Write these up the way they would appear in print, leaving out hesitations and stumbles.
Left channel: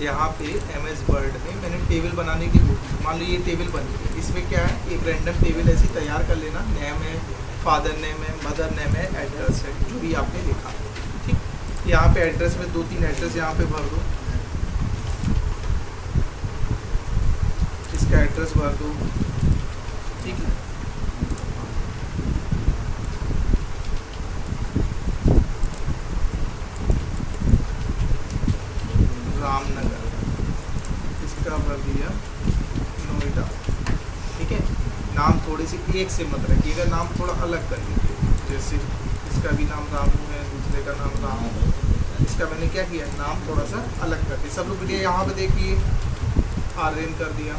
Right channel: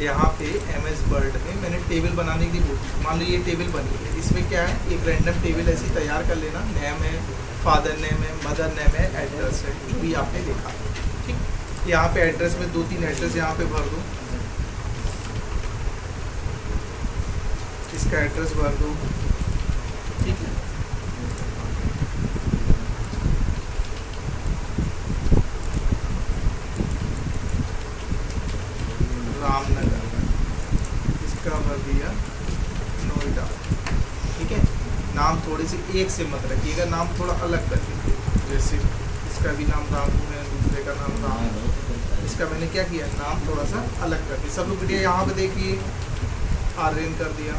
यहाँ पे MS word में मैंने टेबल बनाने की कोशिश, मान लो ये टेबल बन गई है। इसमें क्या है, एक रैंडम टेबल ऐसी तैयार कर लेना। नेम है, फादर नेम है, मदर नेम है, एड्रेस है, जो भी आपने लिखा। ठीक, यहाँ पे एड्रेस में 2-3 एड्रेस यहाँ पे भर दो। इसका एड्रेस भर दो। ठीक है, रामनगर, इसका भर दिया नोएडा। ठीक है, नाम थोड़े से एक से मत रखिएगा, नाम थोड़ा अलग कर लीजिए। जैसे इसका भी नाम रामू है, दूसरे का नाम राम है। इसका मैंने क्या किया, नाम थोड़ा सा अलग कर दिया। सब लोग बेटिया यहाँ पे देखिए, आर्यन कर दिया।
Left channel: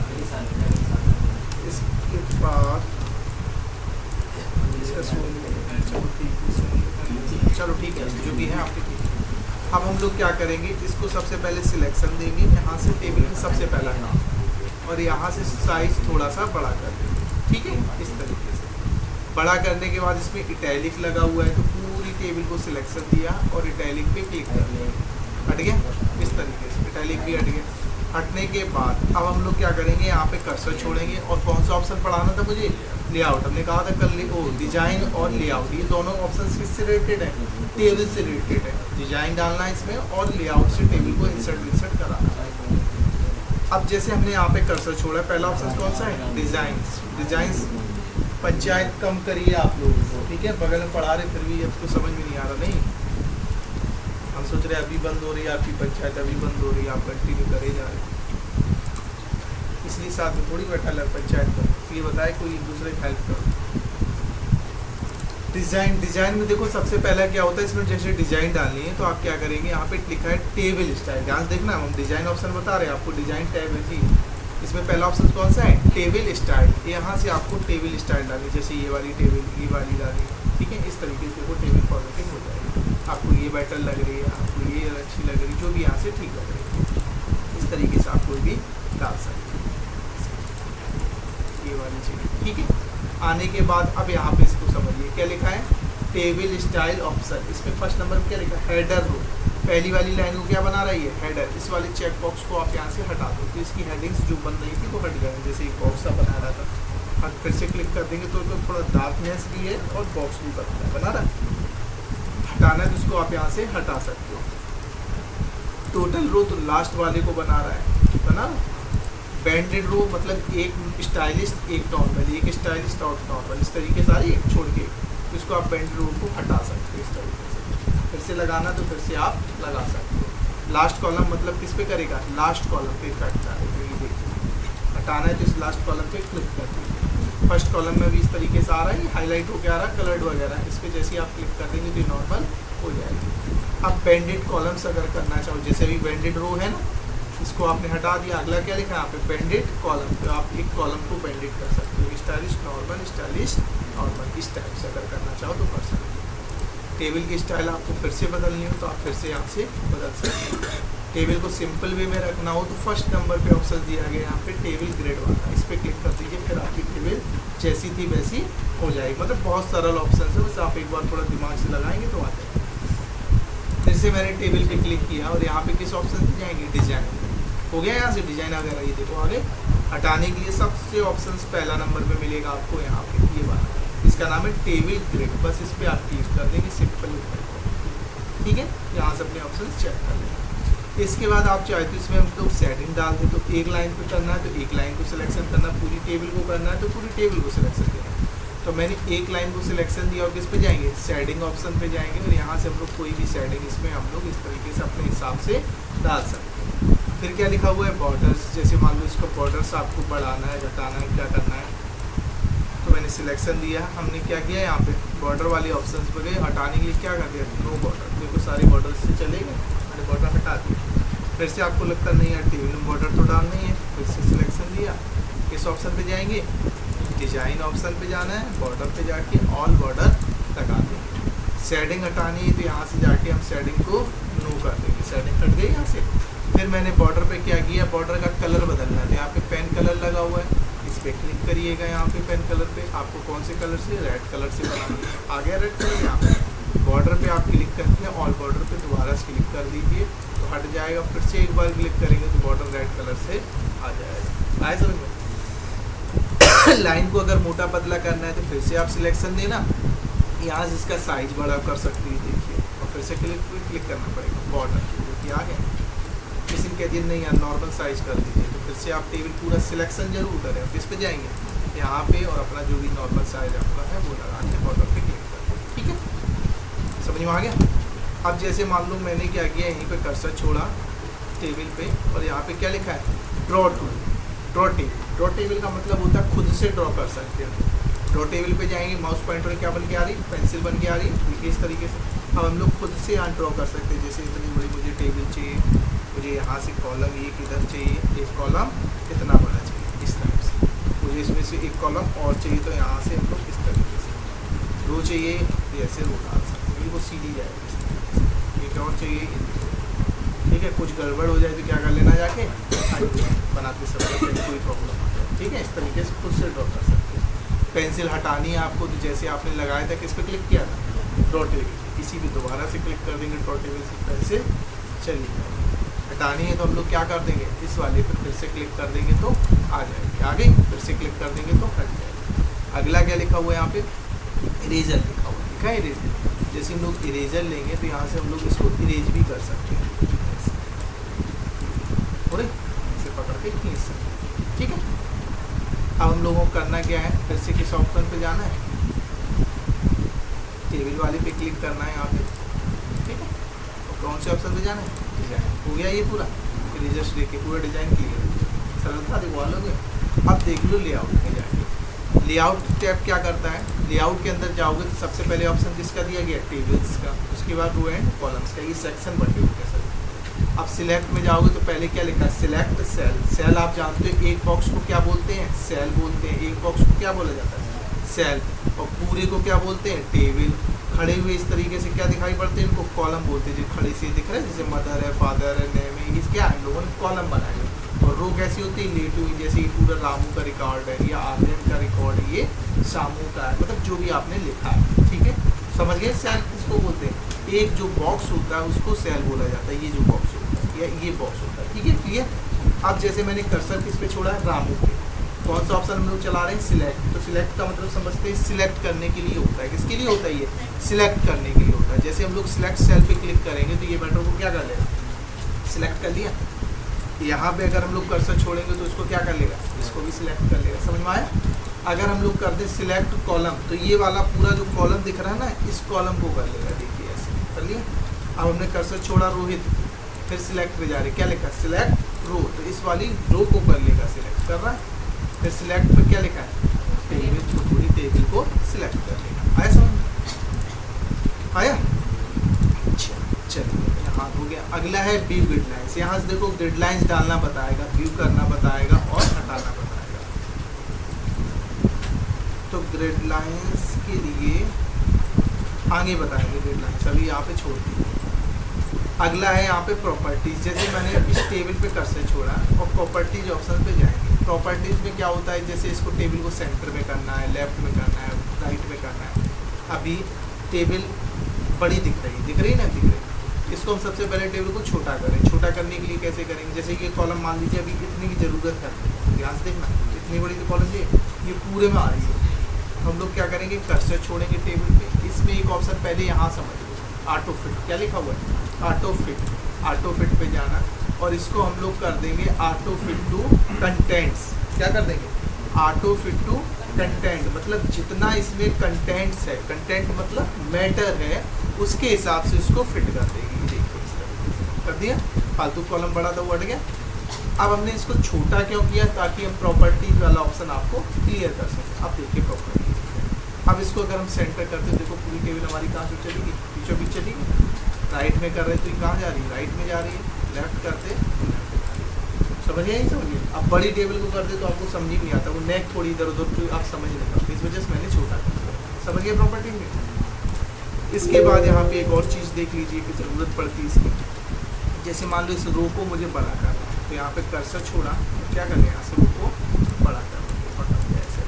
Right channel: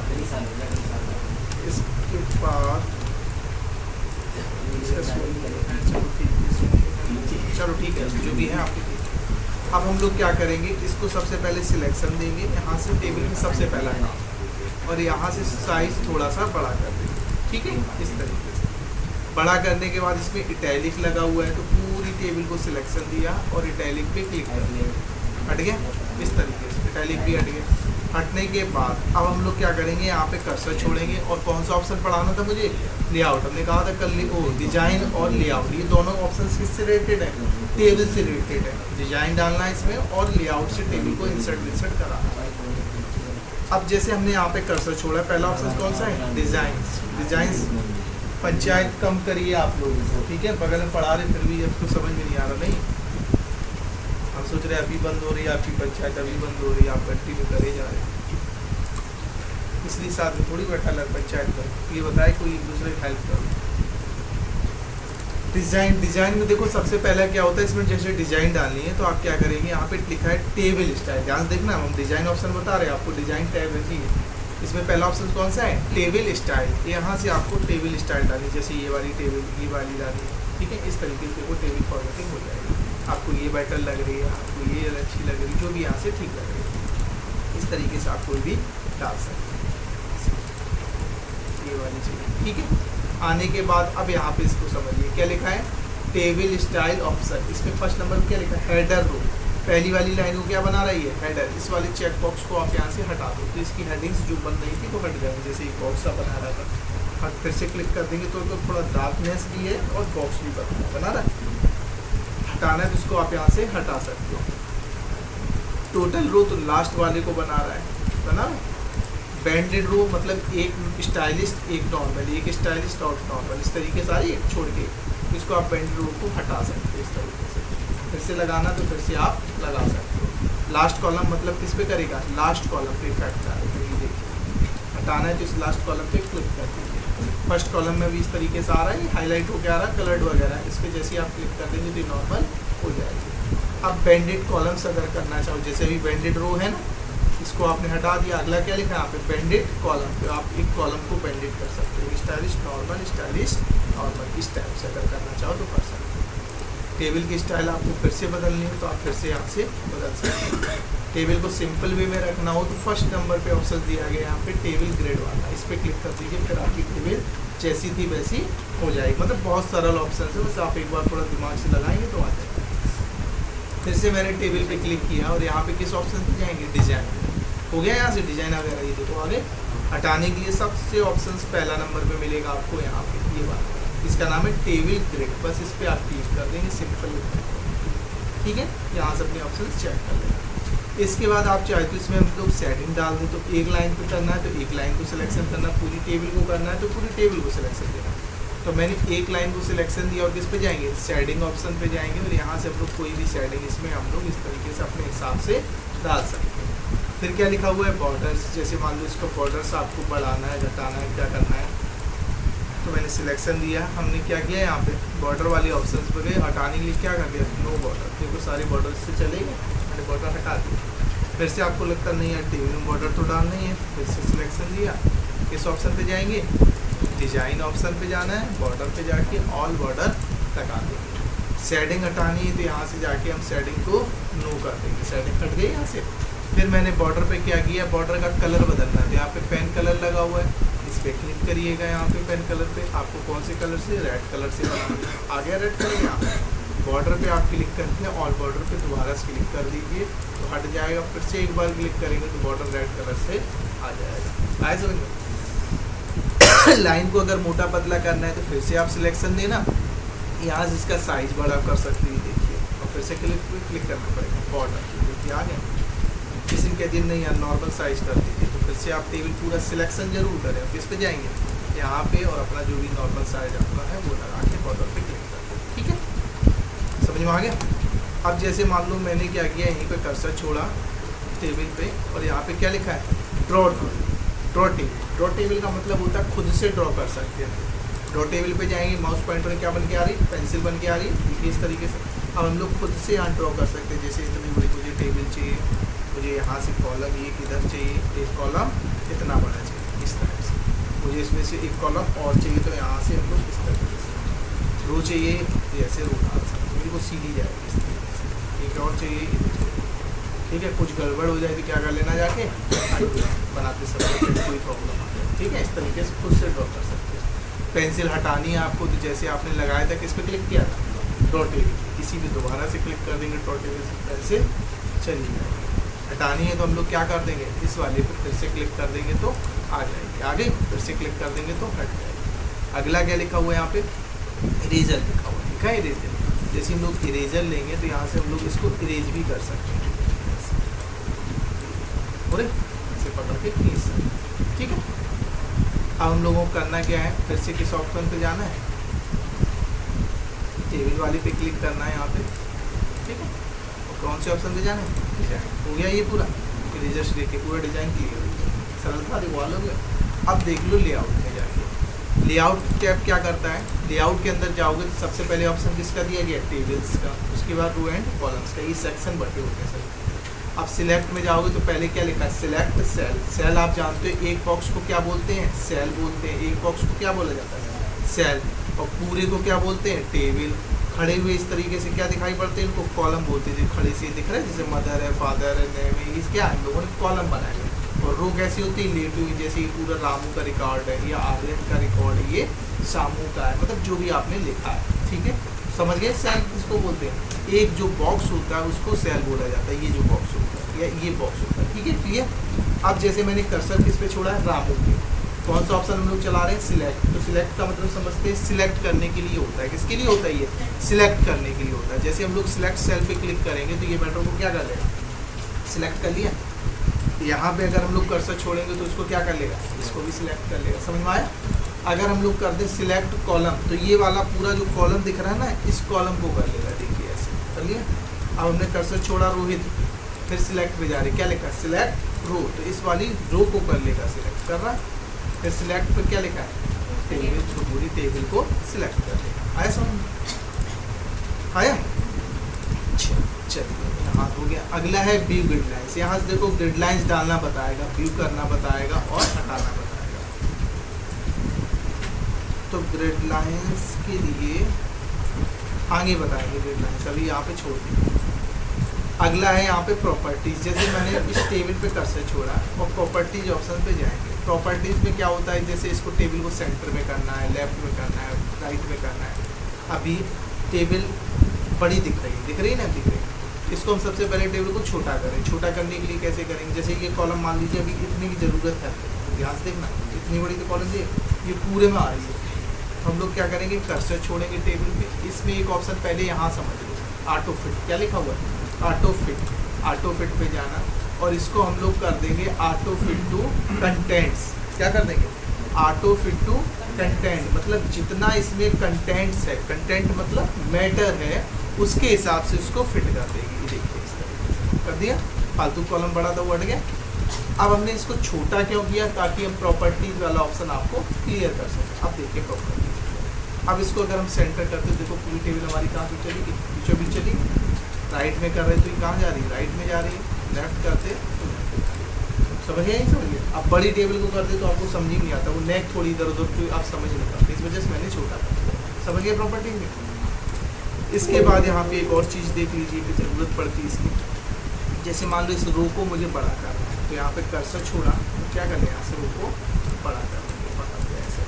इसके बाद इसका सोनू है, चलो ठीक है, सोनू है, चलो ठीक है, जो भी है आपके ठीक है। अब हम लोग क्या करेंगे, इसको सबसे पहले सिलेक्शन देंगे यहाँ से, टेबल में सबसे पहला काम, और यहाँ से साइज थोड़ा सा बड़ा कर देंगे। ठीक है, इस तरीके से बड़ा करने के बाद इसमें इटैलिक लगा हुआ है, तो पूरी टेबल को सिलेक्शन दिया और इटैलिक पे क्लिक कर दिया, हट गया। इस तरीके से इटैलिक भी हट गया। हटने के बाद अब हम लोग क्या करेंगे, यहाँ पे कर्सर छोड़ेंगे, और कौन सा ऑप्शन पढ़ाना था मुझे, लेआउट। हमने कहा था कल डिजाइन और लेआउट, ये दोनों ऑप्शन किससे रिलेटेड है, टेबल से रिलेटेड है। डिजाइन डालना है इसमें, और लेआउट से टेबल को इंसर्ट कराना है। अब जैसे हमने यहाँ पे कर्सर छोड़ा, पहला ऑप्शन कौन सा है, डिजाइन्स। डिजाइन्स पंचायत कम करिए आप लोगों को, ठीक है, बगल में पढ़ा रहे फिर भी आपको समझ में नहीं आ रहा। नहीं, हम सोच रहे अभी बंद हो रही है आपकी पंचायत, अभी बंद हो रही है, आप कंटिन्यू करे जा रहे हैं, इसलिए साथ में थोड़ी बैठा लग पंचायत कर। ये बताए कोई एक दूसरे की हेल्प करो। डिजाइन में देखो सबसे पहला क्या होता है, इसमें जैसे डिजाइन डालनी है तो आप क्या करेंगे, यहाँ पे लिखा है टेबल स्टाइल। ध्यान देखना, हम डिजाइन ऑप्शन बता रहे हैं आपको, डिजाइन टैब है जी। इसमें पहला ऑप्शन कौन सा है, टेबल स्टाइल। यहाँ से आपको टेबल स्टाइल डालनी, जैसे ये वाली टेबल, ये वाली डालनी है। ठीक है, इस तरीके से वो टेबल फॉर्मेटिंग हो जाएगी। आपको ये बेटर लग रही है, आपको ये अच्छी लग रही है, जो भी यहाँ से ठीक लग रही है, इस तरीके से आप कोई भी डाल सकते हैं, ये वाली चीज़। ठीक है, आने के बाद अब यहाँ पे इसको समझिए क्या लिखा है, टेबल स्टाइल ऑप्शन। इसमें फर्स्ट नंबर पर क्या लिखा है, हेडर रो। पहली वाली लाइन को क्या बना रही है, हेडर। इस वाले चेक बॉक्स को आप यहाँ से हटा दो, तो इसकी हेडिंग्स जो बन रही थी वो हट जाएंगी। जैसे एक बॉक्स सा बना रहा था, अब फिर से क्लिक कर देंगे तो थोड़ा डार्कनेस भी है और बॉक्स भी बना रहा है। हटाना है तो इसको आप यहाँ से हटा सकते हो। टोटल रो तो लास्ट वाले को बना रहा है, बना रहा। बैंडेड रो मतलब एक स्टाइलिस्ट एक नॉर्मल, एक स्टाइलिस्ट और नॉर्मल, इस तरीके सारे एक छोड़ के इसको आप बैंडेड रो को हटा सकते हो इस तरीके से। फिर से लगाना तो फिर से आप लगा सकते हो। लास्ट कॉलम मतलब किस पे करेगा, लास्ट कॉलम पे इफेक्ट आएगा। तो ये देखिए, हटाना है तो इस लास्ट कॉलम पे क्लिक कर दीजिए। फर्स्ट कॉलम में भी इस तरीके से आ रहा है, हाईलाइट होकर आ रहा है, कलर्ड वगैरह। इस पर जैसे ही आप क्लिक कर देंगे तो ये नॉर्मल हो जाएगी। अब बैंडेड कॉलम्स अगर करना चाहो, जैसे अभी बैंडेड रो है ना, इसको आपने हटा दिया, अगला क्या लिखा है यहाँ पे, बैंडेड कॉलम। तो आप एक कॉलम को बैंडेड कर सकते हो, स्टाइलिश नॉर्मल, स्टाइलिश नॉर्मल, इस टाइप से अगर करना चाहो तो कर सकते हो। टेबल की स्टाइल आपको फिर से बदलनी हो तो आप फिर से यहाँ से बदल सकते हो। टेबल को सिंपल वे में रखना हो तो फर्स्ट नंबर पे ऑप्शन दिया गया यहाँ पे टेबल ग्रेड वाला, इस पर क्लिक कर दीजिए, फिर आपकी टेबल जैसी थी वैसी हो जाएगी। मतलब बहुत सरल ऑप्शन है, बस आप एक बार थोड़ा दिमाग से लगाएंगे तो आ जाएगा। फिर से मैंने टेबल पे क्लिक किया और यहाँ पे किस ऑप्शन पे जाएंगे, डिजाइन हो गया। यहाँ से डिजाइन वगैरह ये देखो आगे। हटाने के लिए सबसे ऑप्शन पहला नंबर पे मिलेगा आपको यहाँ पे, ये वाला, इसका नाम है टेबल ग्रिड। बस इस पर आप क्लिक कर देंगे, सिंपल। ठीक है, यहाँ से अपने ऑप्शन चेक कर लेंगे। इसके बाद आप चाहे तो इसमें हम लोग सेटिंग डाल दें, तो एक लाइन पे करना है तो एक लाइन को सिलेक्शन करना, पूरी टेबल को करना है तो पूरी टेबल को सिलेक्शन देना। तो मैंने एक लाइन को सिलेक्शन दिया और किस पे जाएंगे, शेडिंग ऑप्शन पे जाएंगे, और यहाँ से हम लोग कोई भी शेडिंग इसमें हम लोग इस तरीके से अपने हिसाब से डाल सकते हैं। फिर क्या लिखा हुआ है, बॉर्डर्स। जैसे मान लो इसको बॉर्डर्स आपको बढ़ाना है, घटाना है, क्या करना है, तो मैंने सिलेक्शन दिया। हमने क्या किया, यहाँ पे बॉर्डर वाले ऑप्शंस पे गए, हटाने के लिए क्या कर दिया, नो बॉर्डर। देखो सारे बॉर्डर से चलेंगे, मैंने बॉर्डर हटा दिया। फिर से आपको लगता नहीं है टेबल में बॉर्डर तो डालना ही है, फिर से सिलेक्शन दिया, किस ऑप्शन पे जाएंगे, डिजाइन ऑप्शन पे जाना है, बॉर्डर पे जाके ऑल बॉर्डर लगा देंगे। शेडिंग हटानी है तो यहाँ से जाके हम शेडिंग को नो कर देंगे, शेडिंग हट गई यहाँ से। फिर मैंने बॉर्डर पे क्या किया, बॉर्डर का कलर बदलना है, तो यहाँ पे पेन कलर लगा हुआ है, इस पर क्लिक करिएगा। यहाँ पे पेन कलर पे आपको कौन से कलर से, रेड कलर से बनाना है, आ गया रेड कलर यहाँ पे। बॉर्डर पे आप क्लिक करके ऑल बॉर्डर पे दोबारा से क्लिक कर दीजिए तो हट जाएगा, फिर से एक बार क्लिक करेंगे तो बॉर्डर रेड कलर से आ जाएगा। आए समझ में? लाइन को अगर मोटा पतला करना है तो फिर से आप सिलेक्शन देना, यहाँ से इसका साइज बड़ा कर सकते हैं, देखिए, और फिर से क्लिक करना पड़ेगा बॉर्डर, जो कि आ गया। किसी ने कह दिया नहीं यार नॉर्मल साइज कर दीजिए, तो फिर से आप टेबल पूरा सिलेक्शन जरूर करें। अब किस पे जाएंगे, यहाँ पे, और अपना जो भी नॉर्मल साइज आपका है वो लगा के बॉर्डर पे क्लिक कर दो, ठीक है, समझ में आ गया। अब जैसे मान लो मैंने क्या किया, यहीं पे कर्सर छोड़ा टेबल पे, और यहाँ पे क्या लिखा है, ड्रॉ टेबल। ड्रॉ टेबल का मतलब होता है खुद से ड्रॉ कर सकते हैं। ड्रॉ टेबल पे जाएंगे, माउस पॉइंटर क्या बन के आ रही, पेंसिल बन के आ रही है, देखिए इस तरीके से। अब हम लोग खुद से यहाँ ड्रॉ कर सकते हैं, जैसे इतनी बड़ी मुझे टेबल चाहिए, मुझे यहाँ से कॉलम ये किधर चाहिए, एक कॉलम इतना बड़ा चाहिए, इस तरह से। मुझे इसमें से एक कॉलम और चाहिए तो यहाँ से हम लोग इस तरीके से, रो चाहिए तो ऐसे रो डाल सकते हैं, बिल्कुल सीधी जाएगी इस तरीके से। एक और चाहिए, ठीक है, कुछ गड़बड़ हो जाए तो क्या कर लेना, जाके बनाते समय कोई प्रॉब्लम आ जाए, ठीक है। इस तरीके से खुद से ड्रॉ कर सकते हैं। पेंसिल हटानी है आपको तो जैसे आपने लगाया था, किस पे क्लिक किया था, ड्रॉ टेबल, इसी पे दोबारा से क्लिक कर देंगे, ड्रॉ टेबल से पेंसिल चली जाएगी। हटानी है तो हम लोग क्या कर देंगे, इस वाले पर फिर से क्लिक कर देंगे तो आ जाएगी, आ गई, फिर से क्लिक कर देंगे तो हट जाएगी। अगला क्या लिखा हुआ है यहाँ पे, इरेजर लिखा हुआ है, लिखा है इरेजर। जैसे हम लोग इरेजर लेंगे तो यहाँ से हम लोग इसको इरेज भी कर सकते हैं, और इसे पकड़ के खींच सकते हैं, ठीक है। अब हम लोगों को करना क्या है, फिर से किस ऑप्शन पे जाना है, टेबल वाले पे क्लिक करना है यहाँ पे, ठीक है, और कौन से ऑप्शन पे जाना है, डिजाइन। हो गया ये पूरा इरेजर से लेके पूरा डिजाइन क्लियर हो गया, सरलता देखो हो गया। अब देख लो लेआउट में जाएंगे, लेआउट टैब क्या करता है, लेआउट के अंदर जाओगे तो सबसे पहले ऑप्शन किसका दिया गया, टेबल्स का, उसके बाद रो एंड कॉलम्स का, ये सेक्शन बटे होते हैं सर। अब सिलेक्ट में जाओगे तो पहले क्या लिखा है, सिलेक्ट सेल। सेल आप जानते हो एक बॉक्स को क्या बोलते हैं, सेल बोलते हैं। एक बॉक्स को क्या बोला जाता है, सेल, और पूरे को क्या बोलते हैं, टेबल। खड़े हुए इस तरीके से क्या दिखाई पड़ते हैं, इनको कॉलम बोलते हैं। जो खड़े से दिख रहा है जैसे मदर है, फादर है, नेम है, ये क्या है, हम लोगों ने कॉलम बनाए हुए। और रो कैसी होती है, लेटी हुई, जैसे ये पूरा रामू का रिकॉर्ड है, या आर्यन का रिकॉर्ड है, ये शामू का है, मतलब जो भी आपने लिखा है, ठीक है, समझ गए। सेल किसको बोलते हैं, एक जो बॉक्स होता है उसको सेल बोला जाता है, ये जो बॉक्स होता है या ये बॉक्स होता है, ठीक है, क्लियर। अब जैसे मैंने कर्सर किस पे छोड़ा है, रामू पे, कौन सा ऑप्शन हम लोग चला रहे हैं, सिलेक्ट। तो सिलेक्ट का मतलब समझते हैं, सिलेक्ट करने के लिए होता है। किसके लिए होता है ये, सिलेक्ट करने के लिए होता है। जैसे हम लोग सिलेक्ट सेल पे क्लिक करेंगे तो ये मैटर को क्या कर लेगा, सिलेक्ट कर लिया। यहाँ पे अगर हम लोग कर्सर छोड़ेंगे तो इसको क्या कर लेगा, इसको भी सिलेक्ट कर लेगा, समझ में आया। अगर हम लोग कर दें सिलेक्ट कॉलम तो ये वाला पूरा जो कॉलम दिख रहा है ना, इस कॉलम को कर लेगा, देखिए ऐसे कर लिया। अब हमने कर्सर छोड़ा रोहित, फिर सिलेक्ट पे जा रहे, क्या लिखा है, सिलेक्ट रो, तो इस वाली रो को कर लेगा, सिलेक्ट कर रहा है। फिर सिलेक्ट पे क्या लिखा है, टेबल, तो पूरी टेबल को सिलेक्ट कर लेगा। आया समझ, आया, चलिए यहाँ हो गया। अगला है व्यू ग्रिड लाइन्स। यहाँ से देखो ग्रिड लाइन्स डालना बताएगा, व्यू करना बताएगा और हटाना बताएगा। तो ग्रिड लाइन्स के लिए आगे बताएंगे, ग्रिड लाइन्स अभी यहाँ पे छोड़ दी। अगला है यहाँ पे प्रॉपर्टीज। जैसे मैंने इस टेबल पे कर्सर छोड़ा और प्रॉपर्टीज ऑप्शन पे जाएंगे। प्रॉपर्टीज में क्या होता है, जैसे इसको टेबल को सेंटर में करना है, लेफ्ट में करना है, राइट में करना है। अभी टेबल बड़ी दिख रही है ना, दिख रही है। इसको हम सबसे पहले टेबल को छोटा करें। छोटा करने के लिए कैसे करेंगे, जैसे ये कॉलम मान लीजिए अभी इतनी की ज़रूरत है, ध्यान से देखना, इतनी बड़ी तो कॉलम ये पूरे में आ रही है। तो हम लोग क्या करेंगे, कर्सर छोड़ेंगे टेबल पे। इसमें एक ऑप्शन पहले यहाँ समझ लो, ऑटो फिट, क्या लिखा हुआ है, ऑटो फिट। ऑटो फिट पे जाना और इसको हम लोग कर देंगे ऑटो फिट टू कंटेंट्स। क्या कर देंगे, ऑटो फिट टू कंटेंट, मतलब जितना इसमें कंटेंट्स है, कंटेंट मतलब मैटर है, उसके हिसाब से इसको फिट कर देगी। देखिए इस तरीके से कर दिया। फालतू कॉलम बड़ा था वो हट गया। अब हमने इसको छोटा क्यों किया, ताकि हम प्रॉपर्टीज वाला ऑप्शन आपको क्लियर कर सकें। अब देखिए प्रॉपर्टीज, अब इसको अगर हम सेंटर करते हैं, देखो पूरी टेबल हमारी कहाँ से चलेगी, बीचों बीच चलेगी। राइट में कर रहे तो ये कहाँ जा रही है, राइट में जा रही है। लेफ्ट करते तो लेफ्ट में जा रही है। समझिए, नहीं समझिए। अब बड़ी टेबल को करते तो आपको समझ ही नहीं आता, वो नेक थोड़ी इधर उधर तो आप समझ नहीं पाते, इस वजह से मैंने छोटा कर दिया। समझ गए प्रॉपर्टी में। इसके बाद यहाँ पे एक और चीज़ देख लीजिए कि ज़रूरत पड़ती है इसकी। जैसे मान लो इस रो को मुझे बड़ा करना है, तो यहाँ पे कर्सर छोड़ा तो क्या कर लिया, यहाँ से रो को बड़ा कर देंगे, ऐसे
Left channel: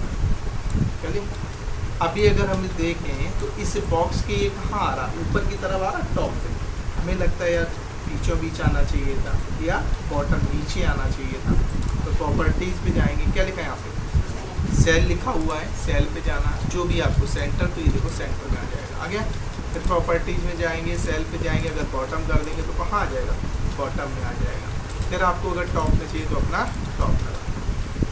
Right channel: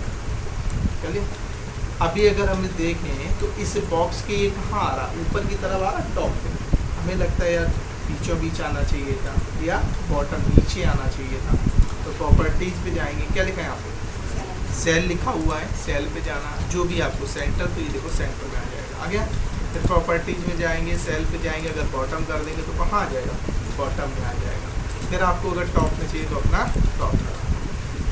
कर लिया। अभी अगर हम देखें तो इस बॉक्स के ये कहाँ आ रहा, ऊपर की तरफ आ रहा, टॉप पे। हमें लगता है यार बीचों बीच आना चाहिए था या बॉटम नीचे आना चाहिए था। तो प्रॉपर्टीज़ पे जाएंगे, क्या लिखा है यहाँ पे, सेल लिखा हुआ है, सेल पे जाना, जो भी आपको सेंटर, तो ये देखो सेंटर में आ जाएगा, आ गया। फिर प्रॉपर्टीज़ में जाएंगे, सेल पे जाएंगे, अगर बॉटम कर देंगे तो कहाँ आ जाएगा, बॉटम में आ जाएगा। फिर आपको अगर टॉप में चाहिए तो अपना टॉप लगा,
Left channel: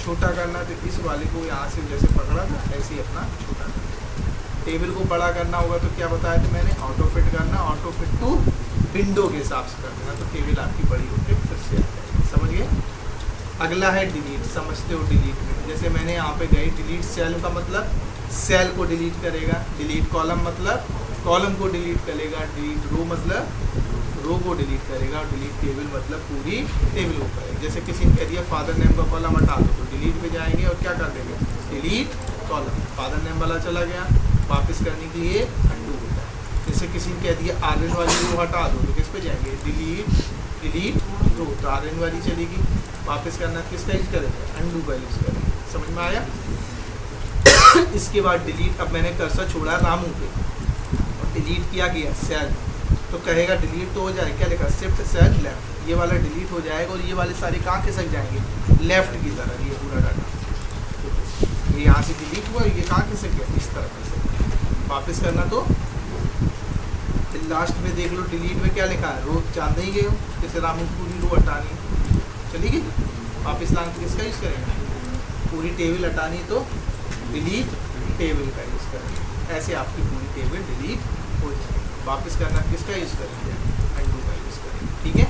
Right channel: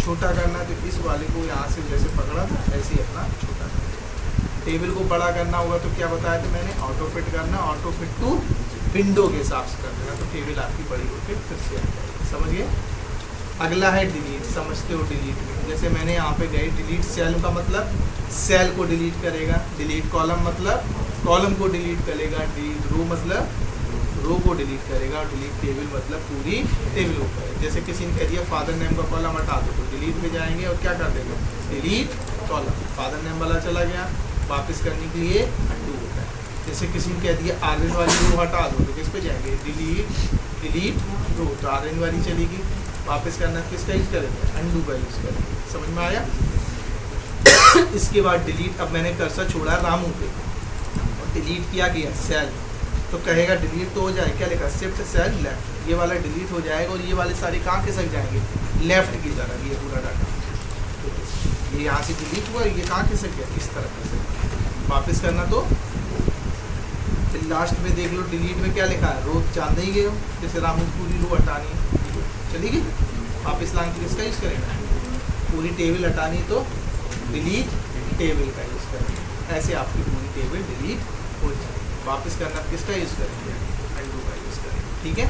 छोटा करना है तो इस वाले को यहाँ से जैसे पकड़ा था ऐसे ही अपना छोटा करना। टेबल को बड़ा करना होगा तो क्या बताया था मैंने, ऑटो फिट करना, ऑटो फिट टू विंडो के हिसाब से कर देना, तो टेबल आपकी बड़ी होकर फिर से आ जाएगी। समझ गए। अगला है डिलीट, समझते हो डिलीट में, जैसे मैंने यहाँ पे गई डिलीट सेल का मतलब सेल को डिलीट करेगा, डिलीट कॉलम मतलब कॉलम को डिलीट करेगा, डिलीट रो मतलब रो को डिलीट करेगा, और डिलीट टेबल मतलब पूरी टेबल को करेगा। जैसे किसी ने कह दिया फादर नेम का कॉलम हटा दो, तो डिलीट पे जाएंगे और क्या कर देंगे, डिलीट कॉलम, फादर नेम वाला चला गया, वापस करने के लिए अंडू होता है। जैसे किसी ने कह दिया आर्यन वाली रो हटा दो, तो किस पे जाएंगे, डिलीट रो, तो आर्यन वाली चलेगी, वापस करना किसका यूज़ करेंगे, अंडू का यूज़ करेंगे। समझ में आया। इसके बाद डिलीट, अब मैंने कर्सर छोड़ा रामू पे और डिलीट किया गया सेल, तो कहेगा डिलीट तो हो जाए, क्या लिखा, शिफ्ट सेल लेफ्ट, ये वाला डिलीट हो जाएगा और ये वाले सारे कहाँ खिसक जाएंगे, लेफ्ट की तरफ, ये पूरा डाटा, ये यहाँ से डिलीट हुआ, ये कहाँ खिसक गया, इस तरफ खिसक गया। वापस करना तो फिर लास्ट में देख लो डिलीट में क्या लिखा है, रो जानते ही गए हो, जैसे रामू पूरी रो हटानी चली गई, वापस लाने के किसका यूज़ करेंगे, पूरी टेबल हटानी तो डिलीट टेबल का यूज़ करेंगे। ऐसे आपकी पूरी टेबल डिलीट हो जाएगी। वापस करना किसका यूज़ करेंगे, अंडू का यूज़ करेंगे। ठीक है।